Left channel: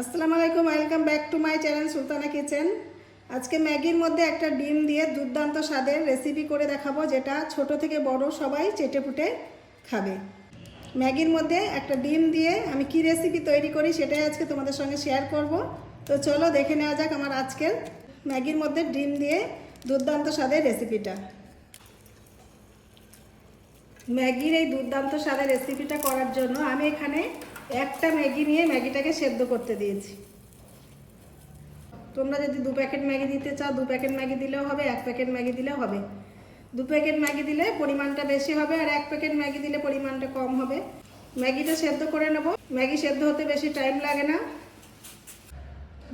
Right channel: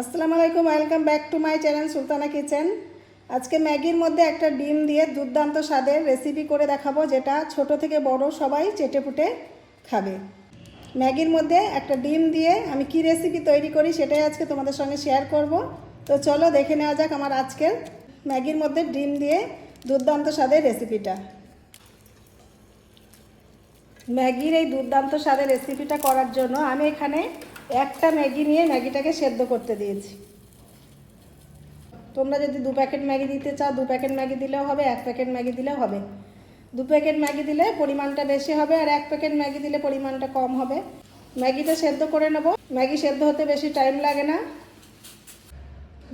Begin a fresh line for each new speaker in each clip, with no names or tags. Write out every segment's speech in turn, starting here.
আসসালামু আলাইকুম welcome back to my channel Sultana kitchen আজকে ম্যাগির মধ্যে একটা ডিম দিয়ে দুর্দান্ত স্বাদের রেসিপি করে দেখাবো, যেটা ছোট থেকে বড় সবাই চেটে পুটে খাবে। ম্যাগির মধ্যে একটা ডিম দিয়ে আমি কি রেসিপি তৈরি করি সেটাই আজকে তোমাদের সঙ্গে শেয়ার করব। তো চলো দেখে নেওয়া যাক আমার আজকের ম্যাগির মধ্যে ডিম দিয়ে দুর্দান্ত স্বাদের রেসিপিটা ম্যাগির এই দুর্দান্ত স্বাদের রেসিপিটা করার জন্য আমি এখানে একটা ম্যাগি নিয়ে ম্যাগিটাকে সেদ্ধ করতে দিয়েছি। তোমরা যদি দু প্যাকেট ম্যাগি দিতে চাও, দু প্যাকেট ম্যাগি দিলেও হবে, এক প্যাকেট ম্যাগি দিলেও হবে। দু প্যাকেট ম্যাগি দিলে পরিমাণটা বেশি হবে আর এক প্যাকেট ম্যাগি দিলে পরিমাণটা কম হবে। ম্যাগিটা সেদ্ধ করে নেব। ম্যাগি সেদ্ধ হতে বেশি টাইম লাগে না।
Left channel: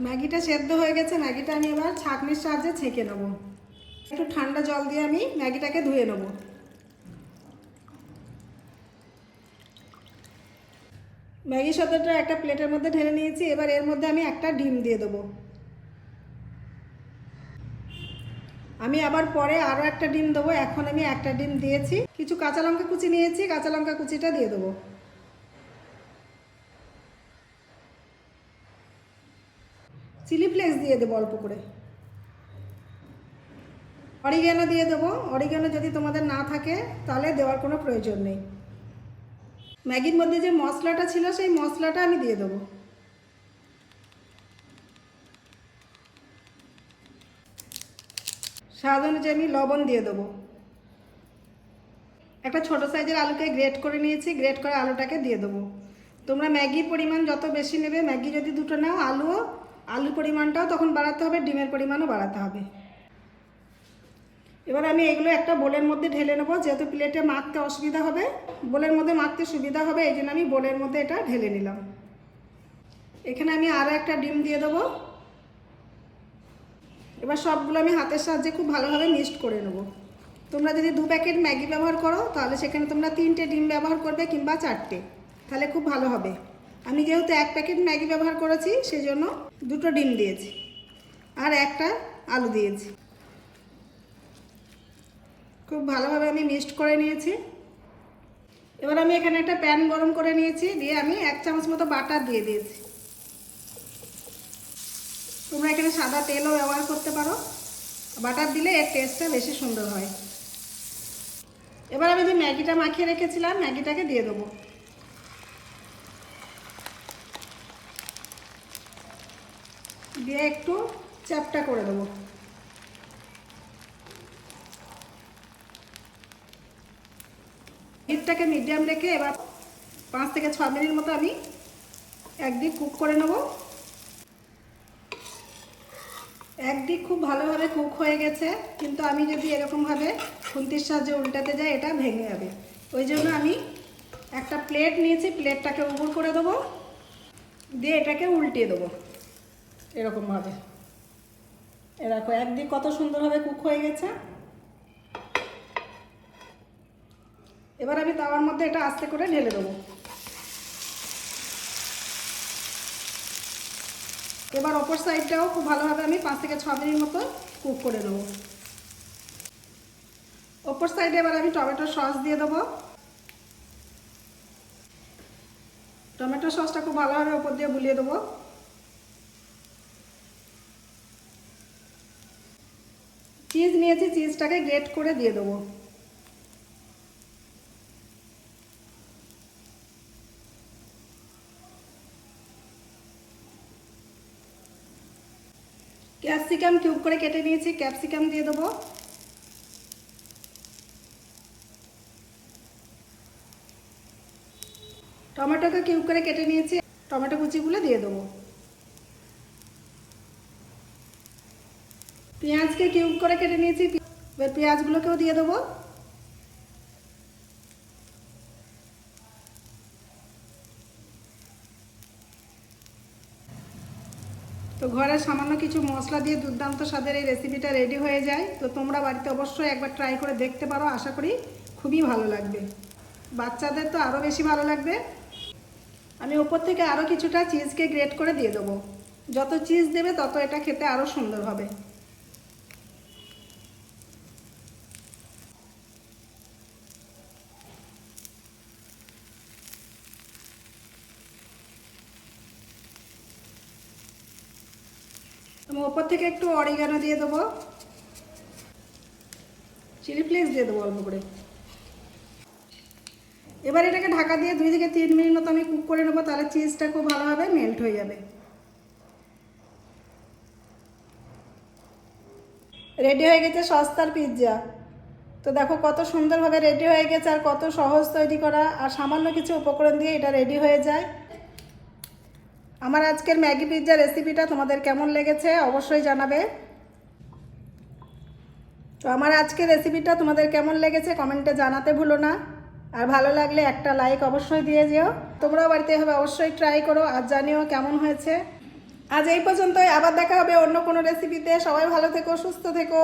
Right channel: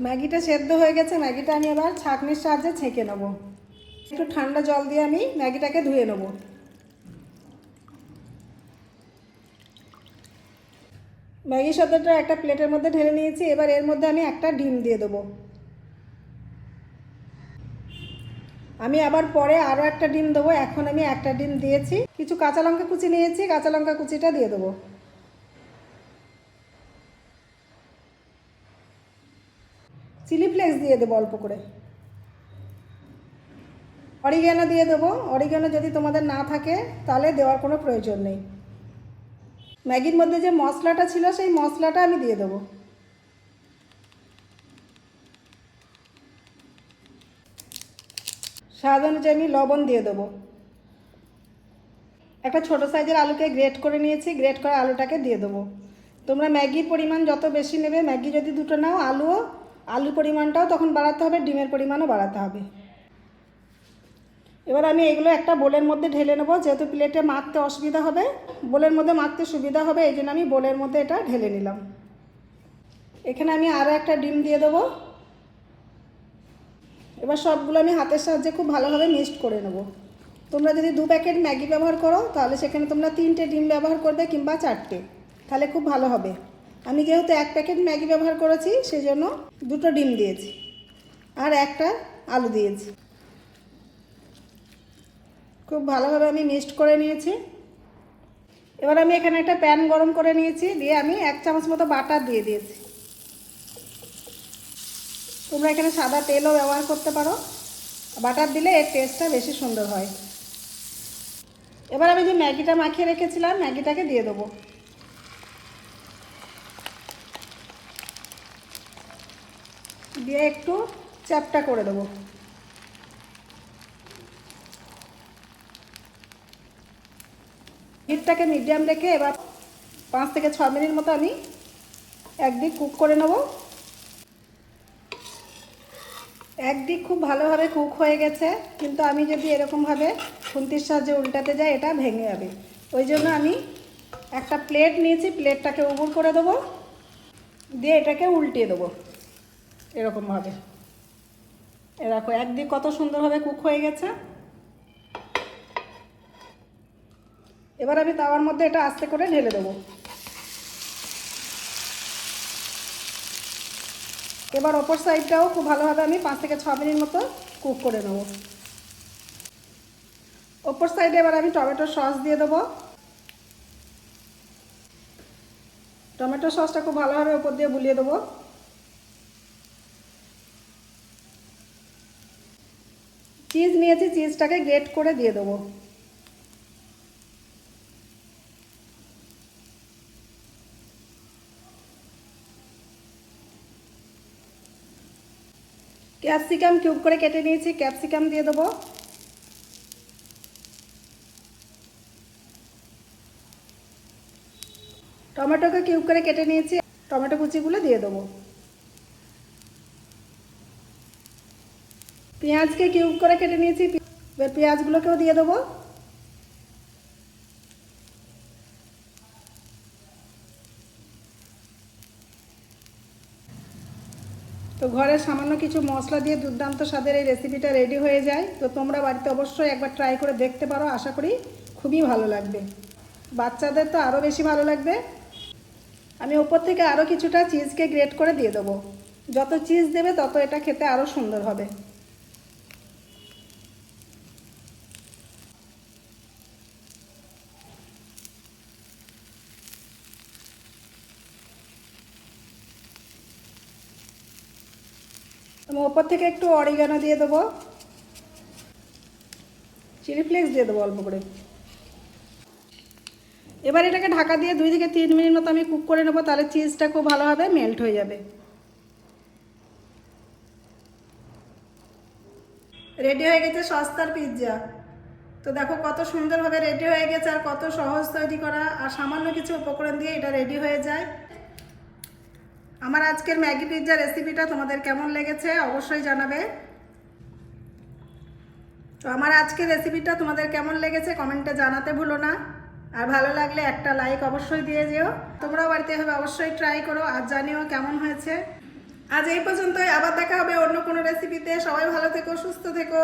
ম্যাগিটা সেদ্ধ হয়ে গেছে, ম্যাগিটা আমি আবার ছাঁকনির সাহায্যে ছেঁকে নেব। একটু ঠান্ডা জল দিয়ে আমি ম্যাগিটাকে ধুয়ে নেব। ম্যাগি সদ্যটা একটা প্লেটের মধ্যে ঢেলে নিয়েছি, এবার এর মধ্যে আমি একটা ডিম দিয়ে দেবো। আমি আবার পরে আরও একটা ডিম দেবো, এখন আমি একটা ডিম দিয়েছি। কিছু কাঁচা লঙ্কা কুচি নিয়েছি, কাঁচা লঙ্কা কুচিটা দিয়ে দেবো। চিলি ফ্লেক্স দিয়ে দেবো অল্প করে। অরিগ্যানো দিয়ে দেবো। অরিগ্যানো যদি তোমাদের না থাকে, তাহলে দেওয়ার কোনো প্রয়োজন নেই। ম্যাগির মধ্যে যে মশলাটা ছিল, সেই মশলাটা আমি দিয়ে দেবো। স্বাদ অনুযায়ী আমি লবণ দিয়ে দেবো। একটা ছোট সাইজের আলুকে গ্রেট করে নিয়েছি, গ্রেট করে আলুটাকে দিয়ে দেবো। তোমরা ম্যাগির পরিমাণ যত বেশি নেবে, ম্যাগি যদি দুটো নাও, আলুও আলু পরিমাণটাও তখন বাড়াতে হবে, ডিমের পরিমাণও বাড়াতে হবে। এবার আমি এগুলো একটা বোলের মধ্যে ঢেলে নেব, যেহেতু প্লেটে মাখতে অসুবিধা হবে। বোলের মধ্যে মাখতে সুবিধা হবে, এই জন্য আমি বোলের মধ্যে এটা ঢেলে নিলাম। এখানে আমি আরও একটা ডিম দিয়ে দেবো। এবার সবগুলো আমি হাতের সাহায্যে খুব ভালোভাবে মিক্সড করে নেব। তোমরা যদি দু প্যাকেট ম্যাগি ব্যবহার করো, তাহলে সেখানে তোমরা তিনটে ডিম ব্যবহার করবে কিংবা চারটে। তাহলে খুব ভালো হবে। আমি যেহেতু এক প্যাকেট ম্যাগি ব্যবহার করেছি সেই জন্য দুটো ডিম দিয়েছি। আর একটা আলু দিয়েছি। খুব ভালোভাবে আমি মিক্সড করে নিয়েছি। এবার আমি এখানে একটা প্যান গরম করে নিয়েছি, দিয়ে আমি এক চামচ মতো বাটার দিয়ে দিয়েছি। তোমরা এখানে সাদা তেলও ব্যবহার করতে পারো। বাটার দিলে এর টেস্টটা বেশি সুন্দর হয়। এবার আমি যে ম্যাগিটা মাখিয়ে রেখেছিলাম, ম্যাগিটাকে দিয়ে দেবো। দিয়ে একটু চ্যাপটা করে দেবো। হিটটাকে মিডিয়াম রেখে এবার পাঁচ থেকে ছ মিনিট মতো আমি একদিক কুক করে নেব। একদিক খুব ভালোভাবে কুক হয়ে গেছে, কিন্তু আমি যদি এরকমভাবে খুন্তির সাহায্যে উল্টাতে যাই, এটা ভেঙে যাবে। ওই জন্য আমি একটা প্লেট নিয়েছি, প্লেটটাকে উবুর করে দেবো, দিয়ে এটাকে উল্টিয়ে দেবো এরকমভাবে। এ দেখো, একদিক কত সুন্দরভাবে কুক হয়ে গেছে। এবার আমি তাওয়ার মধ্যে এটা আস্তে করে ঢেলে দেবো। এবার ওপর সাইডটাও খুব ভালোভাবে আমি পাঁচ থেকে ছ মিনিট মতো কুক করে নেব। ওপর সাইডে এবার আমি টমেটো সস দিয়ে দেবো। টমেটো সসটা খুব ভালোভাবে ওপর দিয়ে বুলিয়ে দেবো। চিজ নিয়েছি, চিজটাকে গ্রেট করে দিয়ে দেবো। ক্যাপসিকাম কিউব করে কেটে নিয়েছি, ক্যাপসিকাম দিয়ে দেবো। টমেটোকে কিউব করে কেটে নিয়েছি, টমেটো কুচিগুলো দিয়ে দেবো। পেঁয়াজকে কিউব করে কেটে নিয়েছি পেঁয়াজগুলোকেও দিয়ে দেবো। তো ঘরে সামান্য কিছু মশলা দিয়ে দুর্দান্ত স্বাদের এই রেসিপিটা রেডি হয়ে যায়। তো তোমরা বাড়িতে অবশ্যই একবার ট্রাই করে দেখতে পারো, আশা করি খুবই ভালো লাগবে। বাচ্চাদের তো আরও বেশি ভালো লাগবে। আমি ওপর থেকে আরও কিছুটা চিজকে গ্রেট করে দিয়ে দেবো। যত চিজ দেবে, তত এটা খেতে আরও সুন্দর হবে। ওপর থেকে একটু অরিগানো দিয়ে দেবো। চিলি ফ্লেক্স দিয়ে দেবো অল্প করে। এবার এটাকে ঢাকা দিয়ে দুই থেকে তিন মিনিট মতো আমি কুক করে নেব, তাহলে চিজটা খুব ভালোভাবে মেল্ট হয়ে যাবে। রেডি হয়ে গেছে সস্তার পিৎজা তো দেখো কত সুন্দরভাবে রেডি হয়ে গেছে আর কত সহজ তৈরি করা। আর সামান্য কিছু উপকরণ দিয়ে এটা রেডি হয়ে যায়। আমার আজকের ম্যাগি পিৎজা রেসিপিটা তোমাদের কেমন লেগেছে অবশ্যই জানাবে। তো আমার আজকের রেসিপিটা তোমাদের কেমন লেগেছে কমেন্টে জানাতে ভুলো না। আর ভালো লাগলে একটা লাইক অবশ্যই দিয়ে যেও। তোমরাও বাড়িতে হবে অবশ্যই ট্রাই করো আর জানিও কেমন হয়েছে। আজ এই পর্যন্তই, আবার দেখা হবে অন্য কোনো রেসিপিতে। সবাই ভালো থেকো, সুস্থ থেকো।